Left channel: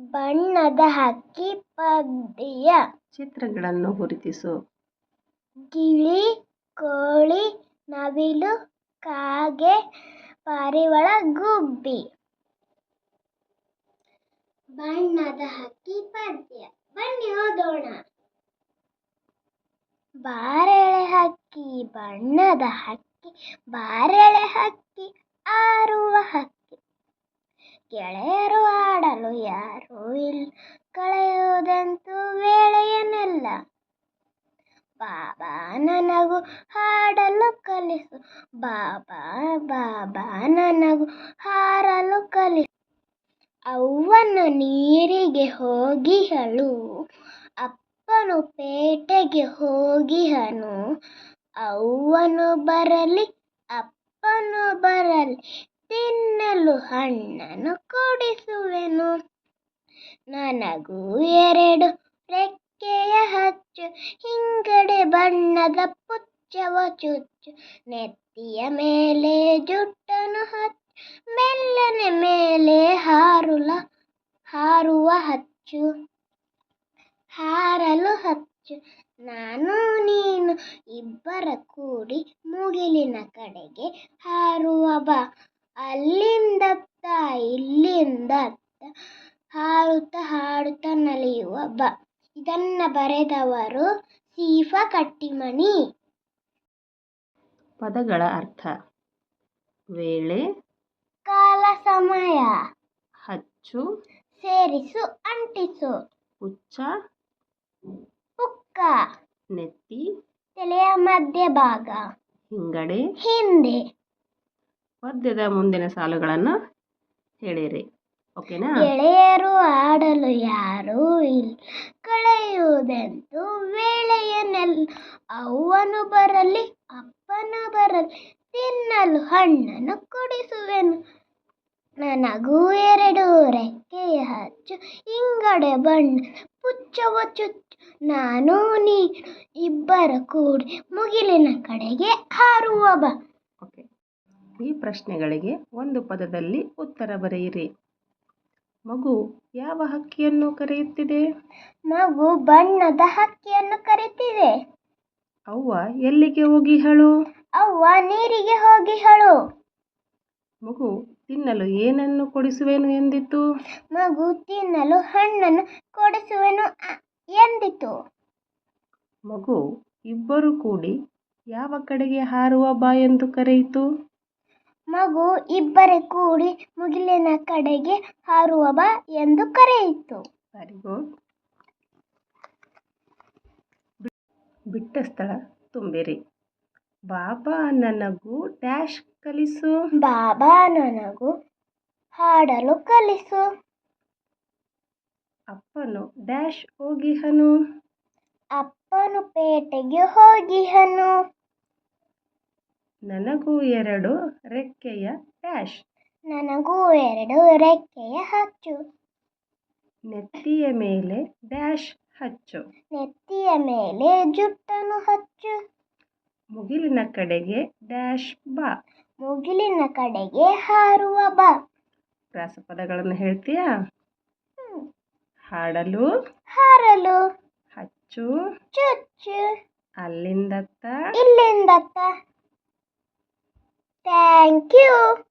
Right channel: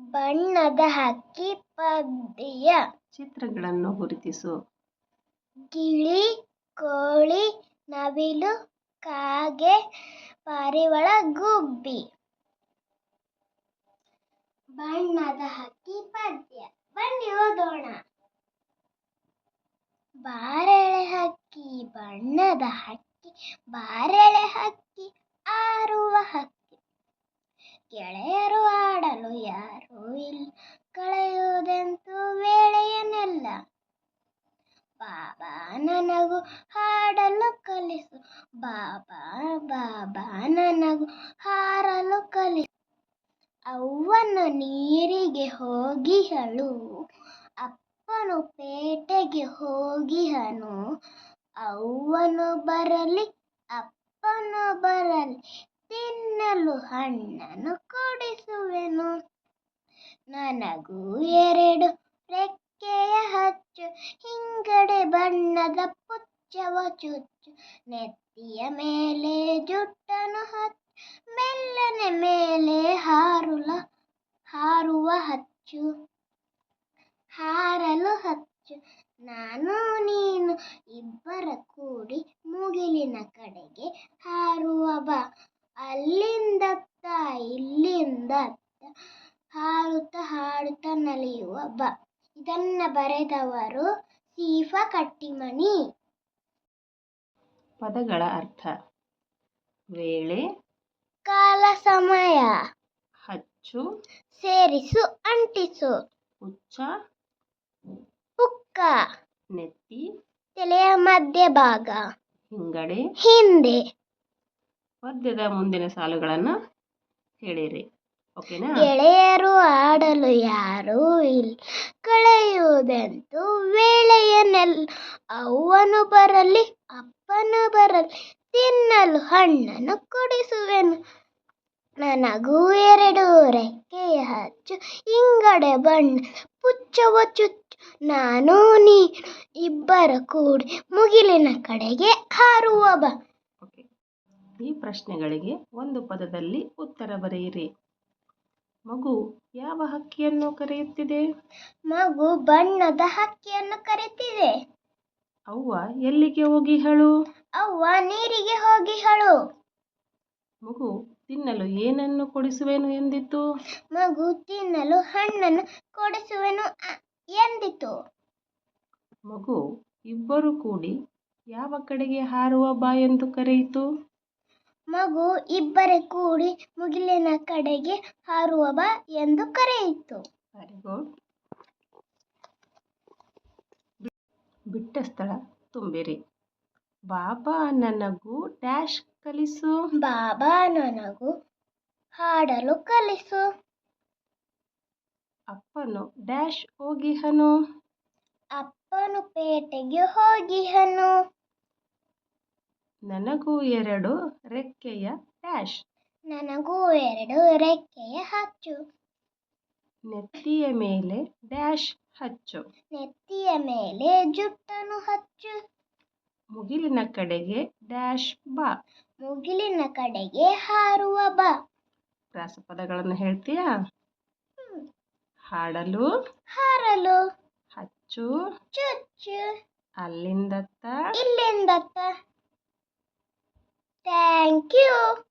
ಬಣ್ಣದ ಹಕ್ಕಿ ಪದ್ಯ. ಚಿತ್ರಗಳನ್ನು ಗುರುತಿಸು. ಗಿಳಿ ಕೋಳಿ ನವಿಲು ಕಾಗೆ ಪಾರಿವಾಳ ಗುಬ್ಬಿ. ಬಣ್ಣದ ಹಕ್ಕಿ ಪದ್ಯ. ಬನ್ನಿ ಓದೋಣ. ಬಾರೆಳೆ ಹಕ್ಕಿ ಬಣ್ಣದ ಹಕ್ಕಿ ಬಾರೆಳೆ ಹಕ್ಕಿ ಆರುವ ಹಕ್ಕಿ. ಗೆಳೆಯರು ಆಡಲು ಯಾರೂ ಇಲ್ಲ ಕಳೆಯುವುದಂತೂ ವೇಳೆಯನ್ನೆಲ್ಲ ಬಾಬಾ ನನಗೂ ಹಾಡಲು ಕಲಿಸು. ಬಾಬಾ ಬಾಬಾ ನನಗೂ ಹಾರಲು ಕಲಿಸು. ಅವ್ವನು ನೀರಿಗೆ ಹೋಗಿಹಳು ಅಪ್ಪನು ಪೇಟೆಗೆ ಹೋಗಿಹನು ಅವ್ವನು ಬರಲಿ, ಅಪ್ಪನು ಬರಲಿ, ತಿನ್ನಲು ಹಣ್ಣನ್ನು ಕೊಡಿಸುವೆನು. ನನಗೂ ಎರಡು ರೆಕ್ಕೆಯ ಹಚ್ಚು. ಪುಚ್ಚವ ಚುಚ್ಚು ನೆತ್ತಿಯ ಮೇಲೆ ಜುಟ್ಟನು ಹಚ್ಚು ಮೆಲ್ಲನೆ ಮೇಲೆ ಹಾರುಲ, ಹಾರುವ ಹಚ್ಚು, ಹಾರಲು ಹಚ್ಚು. ನಾನು, ನೀನು ಇಬ್ಬರ ಕೂಡಿ ಮುಗಿಲಿನ ಕಡೆಗೆ ಹಾರುವ ಬಾ. ಅಲ್ಲಿಂದತ್ತ, ಇಲ್ಲಿಂದತ್ತ ಹಾರುತ್ತ ಹಾಡುತ್ತ ನಲಿಯುವ ಬಾ. ಇದನ್ನ ಬರೆದವರು ಸೀಫಾ ಕಟ್ಟಿಮನಿ ಪದಗಳ ಅರ್ಥ. ವೇಳೆ. ಕಾಲ ಸಮಯ. ಹಚ್ಚು. ಸೇರಿಸು ಅಂಟಿಸು. ಹುಚ್ಚ. ಪುಕ್ಕ ನೆತ್ತಿ. ತಲೆಯ ಮಧ್ಯಭಾಗ ಹಿಂಗಡೆ. ಹಿಂದೆ. ಪದ್ಯದ ಮುಂದಿನ ಸಾಲುಗಳನ್ನು ಹೇಳಿರಿ. ಓಕೆನಾ? ಗೆಳೆಯರು ಆಡಲು ಯಾರು ಇಲ್ಲ ಕಳೆಯುವುದಂತೂ ವೇಳೆಯನ್ನೆಲ್ಲ ಅವ್ವನು ಬರಲಿ ಅಪ್ಪನು ಬರಲು ತಿನ್ನಲು ಹಣ್ಣನ್ನು ಕೊಡಿಸುವೆನು. ನನಗೂ ಎರಡು ರೆಕ್ಕೆಯ ಹಚ್ಚು ಹಿಂಗಡೆ ಬಣ್ಣ ಪುಚ್ಚವ ಚುಚ್ಚು. ನಾನು ನೀ ಇಬ್ಬರ ಕೂಡಿ ಮುಗಿಲಿನ ಕಡೆಗೆ ಹಾರುವ ಬಾ. ಓಕೆ. ಈ ಪ್ರಶ್ನೆಗಳಿಗೆ ಒಂದು ಪದದಲ್ಲಿ ಉತ್ತರ ಬರೆಯಿರಿ. ಮಗು ಯಾವ ಹಕ್ಕಿಯನ್ನು ಕರೆಯುತ್ತಿದೆ? ಮಗು ಬಣ್ಣದ ಹಕ್ಕಿಯನ್ನು ಕರೆತಿದೆ ಅವ್ವ ಎಲ್ಲಿಗೆ ಹೋಗಿಹಳು ಅವ್ವ ನೀರಿಗೆ ಹೋಗಿಹಳು ಮಗು ತಿನ್ನಲು ಏನನ್ನು ಕೊಡಿಸುವೆನು ಎಂದಿತು? ಮಗು ತಿನ್ನಲು ಹಣ್ಣನ್ನು ಕೊಡಿಸುವೆನು ಎಂದಿತು? ಮಗು ಇಬ್ಬರು ಕೂಡಿ ಯಾವ ಕಡೆಗೆ ಹಾರುವ ಬಾ ಎಂದು ಕರೆಯಿತು? ಮಗು ಇಬ್ಬರೆ ಕೂಡಿ ಮುಗಿಲಿನ ಕಡೆಗೆ ಹಾರುವ ಬಾ ಎಂದು ಕರೆಯಿತು. ವೆರಿ ಗುಡ್ ಬಿಟ್ಟ ಸ್ಥಳ ತುಂಬಿರಿ. ಬಾಬಾ ನನಗೂ ಡ್ಯಾಶ್ ಕಲಿಸು. ಬಾಬಾ ನನಗೂ ಹಾಡಲು ಕಲಿಸು. ಅಪ್ಪನು ಡ್ಯಾಶ್ ಹೋಗಿಹನು. ಅಪ್ಪನು ಪೇಟೆಗೆ ಹೋಗಿಹನು. ನನಗೂ ಎರಡು ರೆಕ್ಕೆಯ ಡ್ಯಾಶ್. ನನಗೂ ಎರಡು ರೆಕ್ಕೆಯ ಹಚ್ಚು. ನೆತ್ತಿಯ ಮೇಲೆ ಡ್ಯಾಶ್ ಹಚ್ಚು. ನೆತ್ತಿಯ ಮೇಲೆ ಜುಟ್ಟನ್ನು ಹಚ್ಚು. ಮುಗಿಲಿನ ಕಡೆಗೆ ಡ್ಯಾಶ್ ಬಾ. ಮುಗಿಲಿನ ಕಡೆಗೆ ಹಾರುವ ಬಾ. ರಾಸಪದಗಳನ್ನು ಹೇಳ್ತೀಯಾ. ಹಾಡಲು. ಹಾರಲು. ಹಚ್ಚು. ಚುಚ್ಚು. ಅಲ್ಲಿಂದತ್ತ. ಇಲ್ಲಿಂದತ್ತ. Thank you.